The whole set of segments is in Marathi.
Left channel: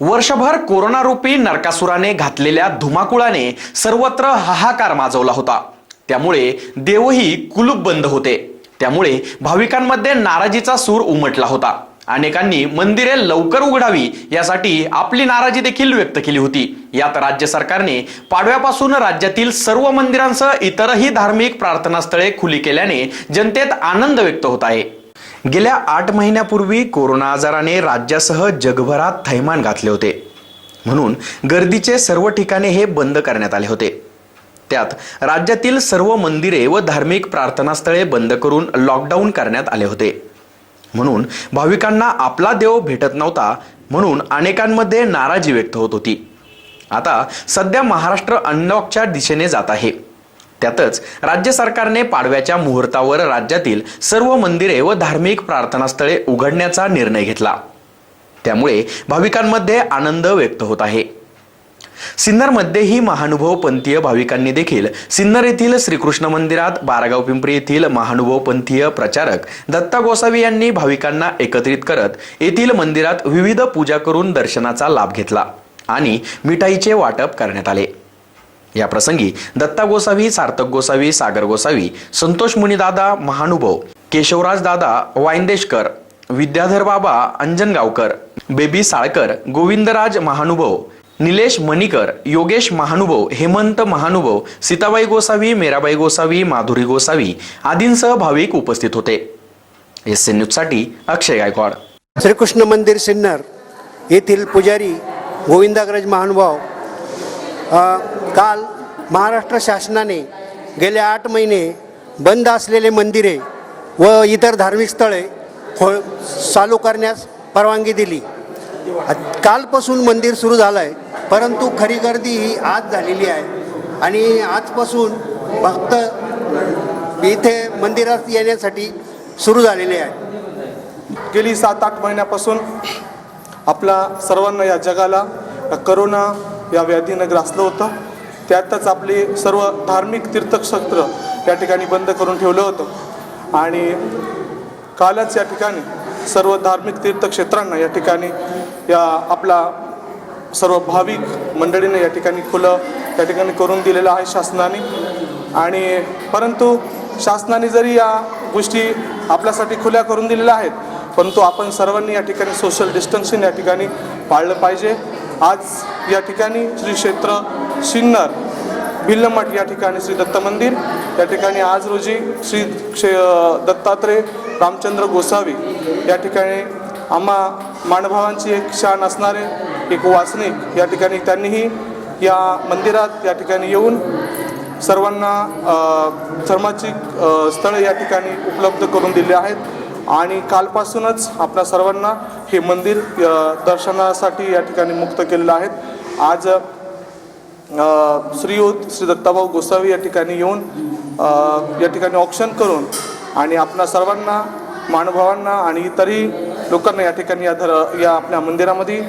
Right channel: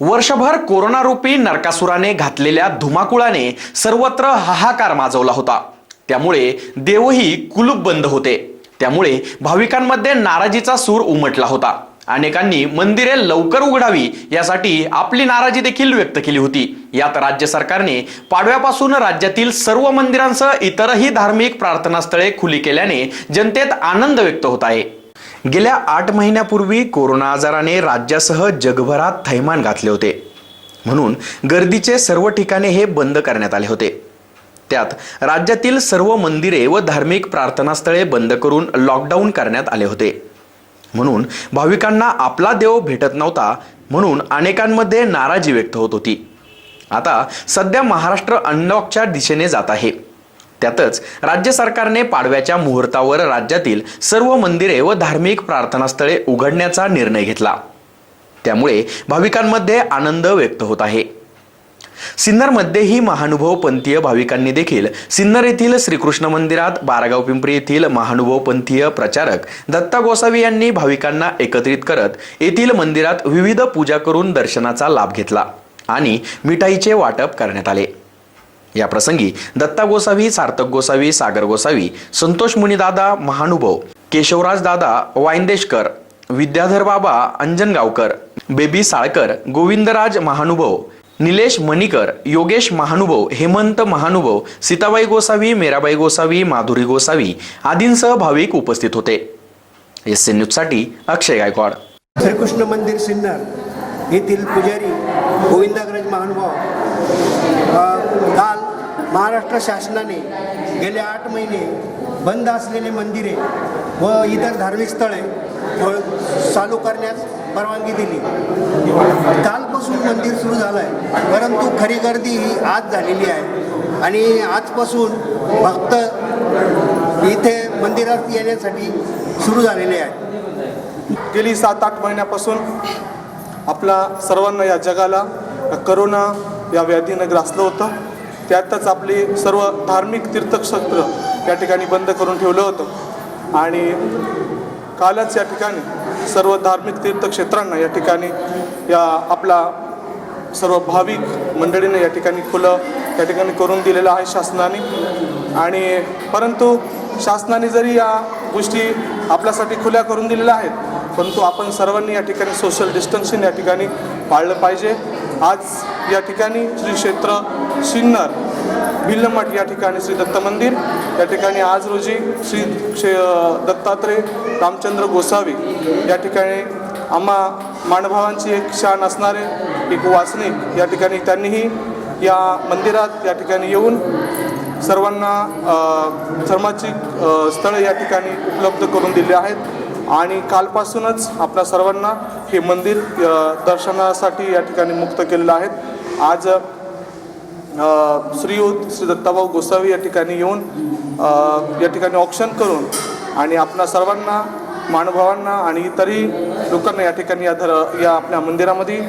वर्षभर कोरोनारूपी नरकासुराने घातलेल्या धुमाकुळाने सर्वत्र हाहाकार माजवला होता. त्यामुळे देवही कुलूप बंद होते. त्यामुळे भाविकांमध्ये नाराजीचा सूर उमटला होता. अनेकांनी मंदिरे लवकर उघडावी यासाठी आपली नाराजी देखील व्यक्त केली होती. यात राज्य सरकारने पाडव्यापासून राज्यातील सर्व मंदिरांसह इतरही धार्मिक प्रार्थनास्थळे खुली केल्याने जनतेत आनंद व्यक्त होत आहे. गेल्या आठ महिन्यापूर्वी कोरोना आजाराने राज्यासह जगभरात थैमान घातले होते. म्हणून गर्दीचे सर्व ठिकाणे हे बंद करण्यात आले होते. त्यात राज्यातील सर्व मंदिरे व धार्मिक प्रार्थनास्थळे बंद करून लॉकडाऊन करण्यात आले होते. म्हणून भाविकांना आपला देव भेटत नव्हता म्हणून अनेकांमध्ये नाराजी व्यक्त होत होती. आता सध्या महाराष्ट्र अनलॉकच्या दिशेने जात आहे. त्यातच राज्य सरकारने पाडव्याच्या मुहूर्तावर राज्यातील सर्व मंदिरे व धार्मिक प्रार्थनास्थळे उघडण्याचा निर्णय घेतला. त्यामुळे भाविकांमध्ये आनंद व्यक्त होत आहे. सिन्नरमध्येही महानुभव पंथीय भाविकांनी देखील सिन्नर येथील श्रीकृष्ण मंदिरात बारागाव पिंपरी येथील महानुभव पंथीय प्रचारक दत्ता गोसावी यांनी भाविकांना एकत्रित करत येथील मंदिरात विविध पूजा करून दर्शनाचा लाभ घेतला आणि मिठाईचे वाटप करण्यात आले. या प्रसंगी दत्ता गोसावी सार्थक गोसावी सागर गोसावी संतोष मुनीदादा महानुभव केशवराज दादा वायंदेशकर विद्याधर बाबा अंजनगावकर बेबी साळकर गोविंदराज महानुभव निलेश मणिकर योगेश महानुभव हेमंत महानुभव सीताबाई गोसावी मेराबाई गोसावी माधुरी गोसावी आदींसह भाविक उपस्थित होते. एस एन न्यूजसाठी अक्षय गायकवाड. श्रीकृष्ण मंदिर सिन्नर येथील पुजारी गोविंदाग्रज महानुभाव काल महाराष्ट्र शासनाने गेले आठ महिने बंद असलेले मंदिरे व इतर धार्मिक स्थळे हो, चालू करण्यास परवानगी दिली. कालपासून मंदिर सुरू झालं आहे परंतु खरी गर्दी ही आज झालेली आहे. आणि आजपासून भक्त इथे मंदिरात येण्यासाठी सुरू झालेले आहे. गेली सात आठ महिन्यापासून आपला सर्वांना या जगाला करोना या व्याधीनं ग्रासलं होतं. त्यातच आपली सर्व धार्मिक तीर्थक्षेत्र या ठिकाणी बंद करून ठेवलं होतं. आणि कालच या ठिकाणी सर्व धार्मिक तीर्थक्षेत्रांना या ठिकाणी या आपला सर्व भाविक मंडळीने या ठिकाणी खुलं या ठिकाणी करून दिलेलं आहे शासनाने. आणि परंतु शासनाने जरी या गोष्टी आपल्यासाठी खुल्या करून दिलेल्या आहेत परंतु आपण सर्वांनी या ठिकाणी सोशल डिस्टन्सिंग या ठिकाणी पाळलं पाहिजे. आज या ठिकाणी श्री क्षेत्र सिन्नर भिल्लमठ या ठिकाणी श्री दत्त मंदिर या ठिकाणी आज रोजी श्री क्षे दत्तात्रय रामचंद्र गोसावी या ठिकाणी आम्हा मानभावांची एक शान असणारे एक वासनिक या ठिकाणी त्यांनीही या मंदिरात या ठिकाणी येऊन सर्वांना धर्माची स्थळं स्थळे या ठिकाणी उपलब्ध करून दिली आहेत. आणि कालपासूनच आपल्या सर्वांना हे मंदिर दर्शनासाठी या ठिकाणी मुक्त केलेलं आहे आज श्रीयुत श्री दत्ताभाऊ गोसावी या ठिकाणी येऊन या ठिकाणी ऑप्शन करून आणि आपल्या सर्वांना मानुभावांना आणि इतरही लोकांना या ठिकाणी या धर या आपल्या मंदिरामध्ये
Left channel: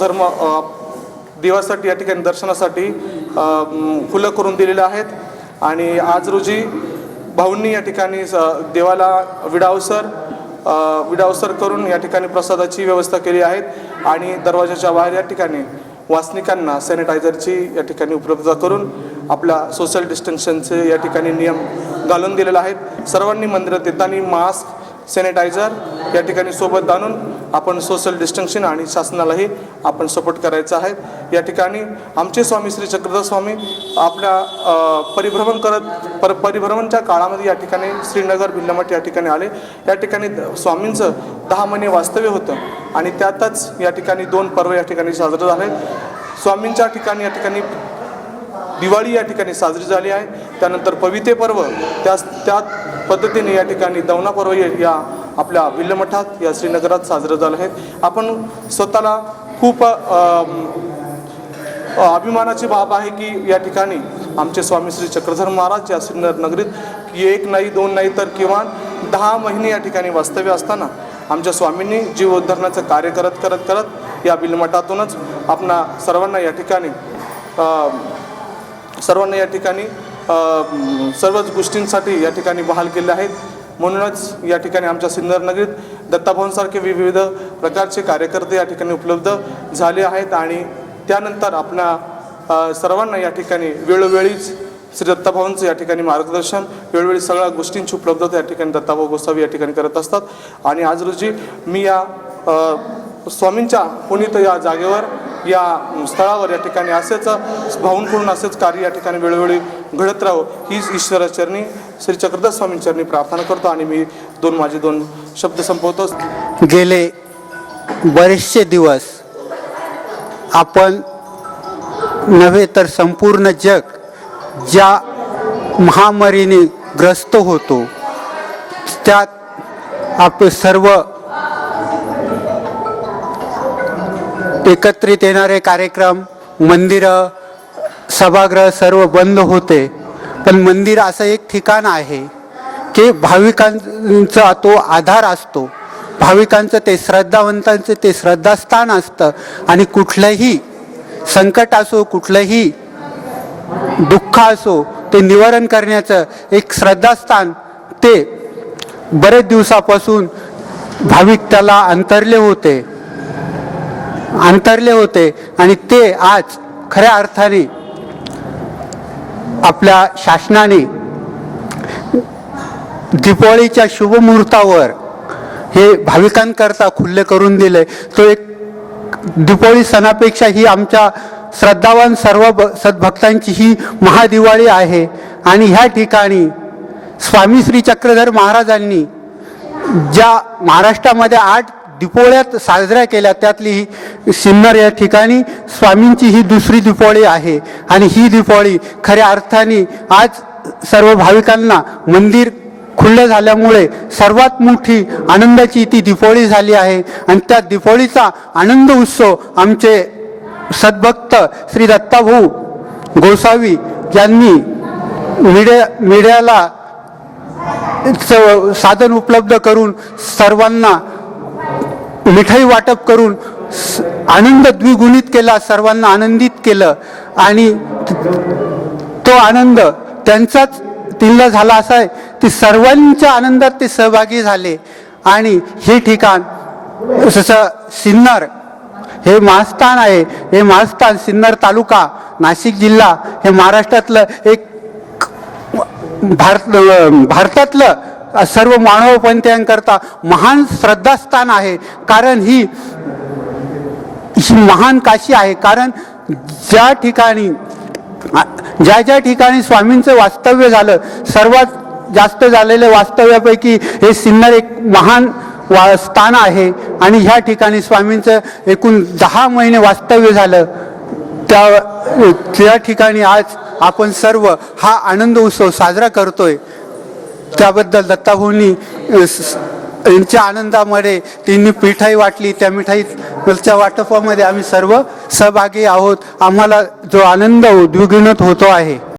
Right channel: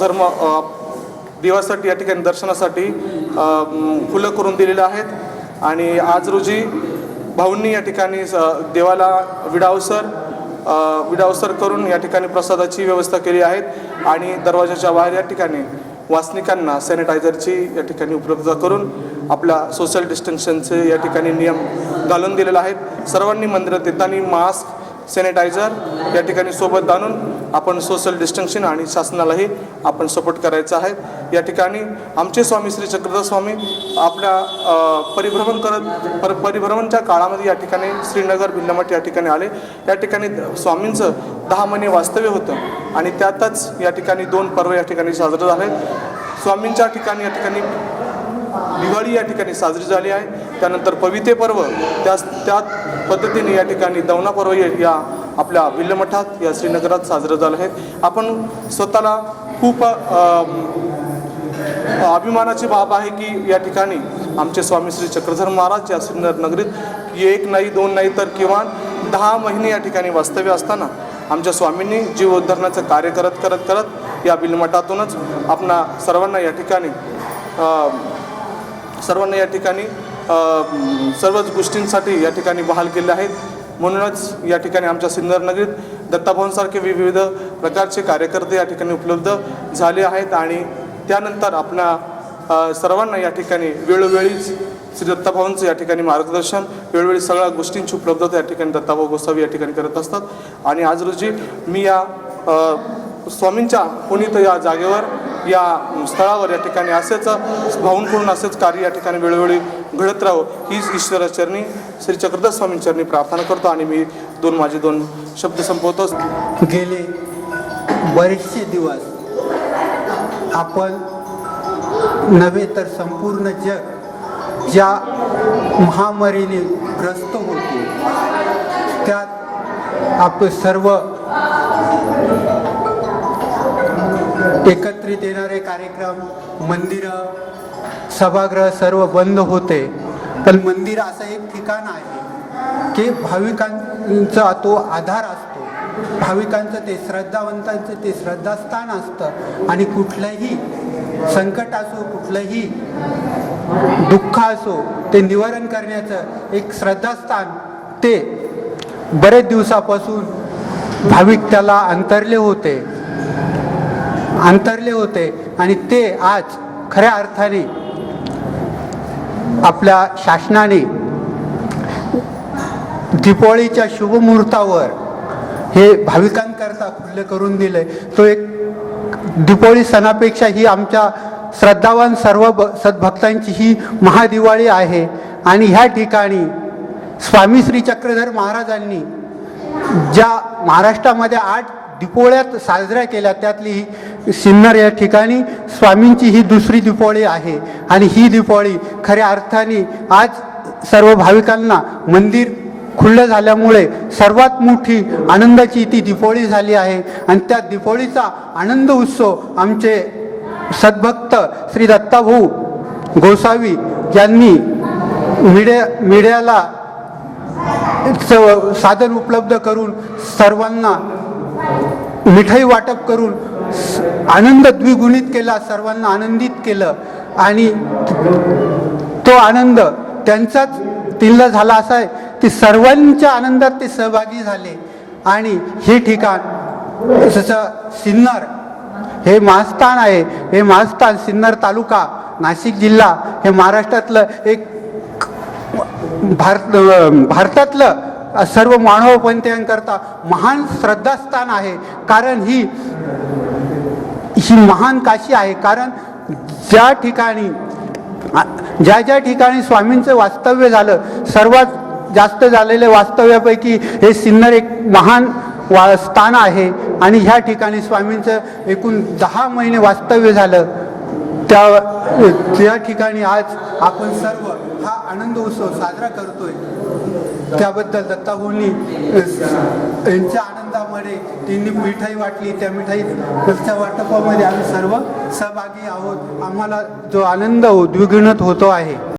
धर्म देवासाठी या ठिकाणी दर्शनासाठी फुलं करून दिलेलं आहेत. आणि आज रोजी भाऊंनी या ठिकाणी स- देवाला विडावसर विडावसर करून या ठिकाणी प्रसादाची व्यवस्था केली आहे आणि दरवाजाच्या बाहेर या ठिकाणी वासनिकांना सॅनिटायझरची या ठिकाणी उपलब्ध करून आपल्या सोशल डिस्टन्सचे या ठिकाणी नियम घालून दिलेले आहेत. सर्वांनी मंदिरात येताना मास्क सॅनिटायझर या ठिकाणी सोबत आणून आपण सोशल डिस्टन्सिंग आणि शासनालाही आपण सपोर्ट करायचं आहे. या ठिकाणी आमचे स्वामी श्री चक्रधर स्वामी आपल्या परिभ्रमण करत पर परिभ्रमणच्या काळामध्ये या ठिकाणी श्रीनगर भिल्लमठ या ठिकाणी आले. या ठिकाणी स्वामींचं दहा महिने वास्तव्य होतं आणि त्यातच या ठिकाणी दोन पर्व या ठिकाणी साजरे झाले. स्वामींच्या ठिकाणी या ठिकाणी दिवाळी या ठिकाणी साजरी झाली आहे. त्यानंतर पविते पर्व त्या त्यात पद्धतीने या ठिकाणी दवना पर्व या आपल्या विल्लमठात या श्रीनगरात साजरं झालं आहे. आपण स्वतःला खूप अभिमानाची बाब आहे की या ठिकाणी आमचे स्वामी श्री चक्रधर महाराज या श्रीनगर नगरीत एक नाही दोन नाही तर किमान दहा महिने या ठिकाणी वास्तव्य असताना आमच्या स्वामींनी जीव उद्धरणाचं कार्य करत करत करत या बिलमठातूनच आपणा सर्वांना या ठिकाणी सर्वांना या ठिकाणी सर्वच गोष्टींसाठी या ठिकाणी बहाल केले आहेत. म्हणूनच या ठिकाणी आमच्या सिन्नर नगरीत विविध प्रकारचे कार्यकर्ते या ठिकाणी उपलब्ध झाले आहेत आणि त्यानंतर आपल्या सर्वांना या ठिकाणी वेळोवेळीच श्री दत्ताभाऊंचं या ठिकाणी मार्गदर्शन वेळोवेळी सगळ्या गोष्टींची उपलब्धता या ठिकाणी दत्ताभाऊ गोसावी या ठिकाणी करत असतात. आणि आज रोजी मी या स्वामींच्या पुनीत या जागेवर या स्थळावर या ठिकाणी असेच भाऊंकडून असेच कार्य या ठिकाणी वेळोवेळी घडत राहो हीच ईश्वराचरणी श्री चक्रधर स्वामींचरणी प्रार्थना करतो आणि मी दोन माझे दोन शब्द संपवतो. गेले बरेचसे दिवस आपण नव्हे तर संपूर्ण जग ज्या महामारीने ग्रस्त होतो त्यात आपण सर्व एकत्रित येणारे कार्यक्रम मंदिरं सभागृह सर्व बंद होते. पण मंदिर असं एक ठिकाण आहे की भाविकांचा तो आधार असतो. भाविकांचं ते श्रद्धावंतांचं ते श्रद्धास्थान असतं. आणि कुठलंही संकट असो कुठलंही दुःख असो ते निवारण करण्याचं एक श्रद्धास्थान ते बरेच दिवसापासून भाविक त्याला अंतरले होते. अंतरले होते आणि ते आज खऱ्या अर्थाने आपल्या शासनाने दिपाळीच्या शुभमुहूर्तावर हे भाविकांकरता खुल्ले करून दिले. तो एक दिपाळी सणापेक्षा ही आमच्या श्रद्धावान सर्व भ- सद्भक्तांची ही महादिवाळी आहे. आणि ह्या ठिकाणी स्वामी श्री चक्रधर महाराजांनी ज्या महाराष्ट्रामध्ये आठ दीपोळ्यात साजऱ्या केल्या. त्यातली ही सिन्नर या ठिकाणी स्वामींची ही दुसरी दीपावली आहे. आणि ही दीपावली खऱ्या अर्थाने आज सर्व भाविकांना मंदिर खुलं झाल्यामुळे सर्वात मोठी आनंदाची ती दीपावली झाली आहे. आणि त्या दीपावलीचा आनंद उत्सव आमचे सद्भक्त श्री दत्ताभाऊ गोसावी यांनी मीडिया मीडियाला स- साधन उपलब्ध करून सर्वांना मिठाई वाटप करून आनंद द्विगुणित केला सर्वांना आनंदित केलं आणि तो आनंद त्यांचाच तिल्ला झाला असा आहे की सर्वांच्या आनंदात ते सहभागी झाले. आणि हे ठिकाण जसं सिन्नर हे महास्थान आहे. हे महास्थान सिन्नर तालुका नाशिक जिल्हा हे महाराष्ट्रातलं एक भारत भारतातलं सर्व मानवपंथीयांकरता महान श्रद्धास्थान आहे. कारण ही ही महान काशी आहे. कारण ज्या ठिकाणी ज्या ज्या ठिकाणी स्वामींचं वास्तव्य झालं सर्वात जास्त झालेल्या वास्तव्यापैकी हे सिन्नर एक महान वा- स्थान आहे. आणि ह्या ठिकाणी स्वामींचं एकूण दहा महिने वास्तव्य झालं. त्या त्या ठिकाणी आज आपण सर्व हा आनंद उत्सव साजरा करतोय. त्याबद्दल दत्ताभाऊंनी यांच्या आनंदामध्ये त्यांनी मिठाई वाटली. त्या मिठाईच्या वाटपामध्ये आम्ही सर्व सहभागी आहोत. आम्हाला जो आनंद द्विगुणित होतो आहे